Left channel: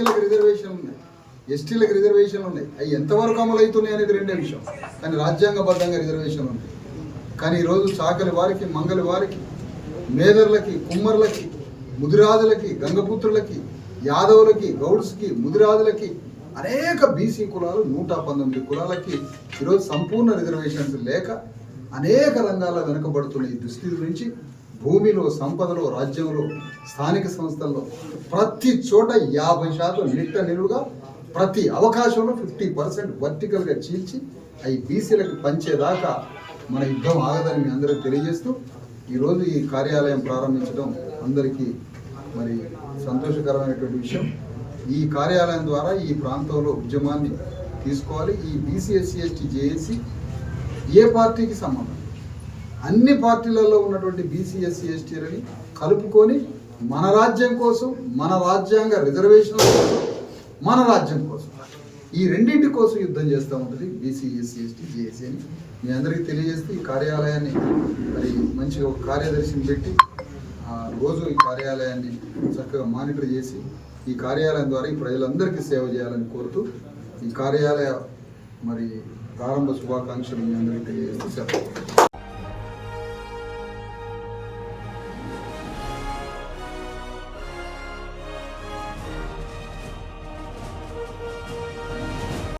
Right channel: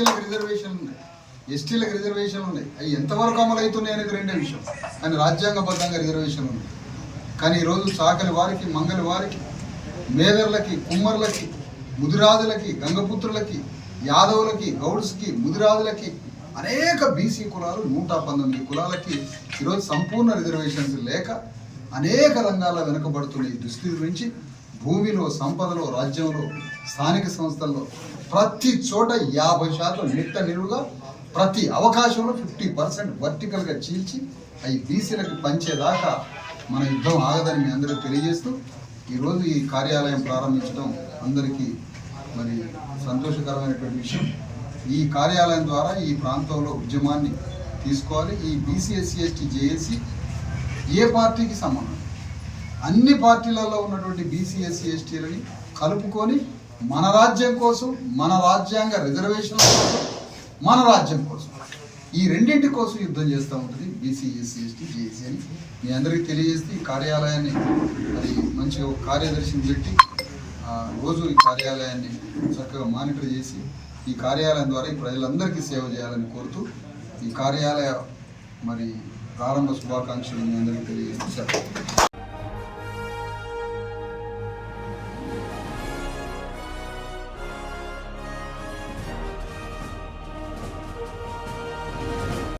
బీసీలకు రిజర్వేషన్లు ఉన్నాయి, ఎస్టీలకు రిజర్వేషన్లు ఉన్నాయి. అవి ఎంతవరకు అమలు అవుతున్నాయి అనేది రెండే విషయం. కానీ రాజ్యాంగబద్ధంగా రిజర్వేషన్లు ఉన్నాయి. కానీ ఈరోజు చాకలి వారికి, మంగలి వారికి, మేదర్లకి, కుమ్మర్లకి, ముదిరాజులకి, గంగపుత్రులకి, యాదవులకి, గౌడ్స్కి, ముదిరాజులకి, అనేక బీసీ కులాలు 119 కులాలకి ఈరోజు సంపూర్ణ రిజర్వేషన్స్ లేక అనేక రంగాల్లో వెనుకబడుతున్న ఈ దుస్థితి నుంచి భూమిలో, సంపదలో, రాజ్యంలో, స్థానిక సంస్థల్లో ప్రతి చోట 50% నిట్ట నిలువుగా ప్రతి అవకాశంలో 50% వర్టికల్గా చీల్చి అవి బీసీలకు పంచేదాకా మన యుద్ధం ఆగదని మీ అందరికీ తెలియజేస్తూ ఈరోజు ఈ కార్యాలయం ప్రారంభించడం అందరికీ మరి సంతోషకరమైనటువంటి విషయం. ఈ కార్యాలయం ద్వారా ఈ ప్రాంతంలో ఉద్యమాన్ని తీసుకోవాలి. ఈ బీసీ ఎస్సీ ఎస్టీ జేఏసీ ఏ పార్టీకి సంబంధం, అన్ని పార్టీలలో ఉన్నటువంటి బీసీ ఎస్సీ ఎస్టీలని కలుపుకొని మన రాజ్యం కోసం, మన రాజ్యాంగ రిజర్వేషన్ల కోసం, మన రాజ్యం కోసం, ఈ రెండింటి కోసం యుద్ధం చేస్తూ ఉంటుంది బీసీ ఎస్సీ ఎస్టీ జేఏసీ అని మీ అందరికీ తెలియజేస్తే ఈ కార్యాలయాన్ని మరి మంచిగా ఒక కార్యదర్శిని పెట్టి రోజు ఈ కార్యాలయాన్ని చక్కగా మానిటర్ చేసి ఈ కార్యాలయం ద్వారా ఈ ప్రజలందరికీ సేవ చేయాలని కోరుతూ ఈ కార్యాలయ మరి ప్రారంభ శుభాకాంక్షలు మీ అందరికీ తెలియజేస్తూ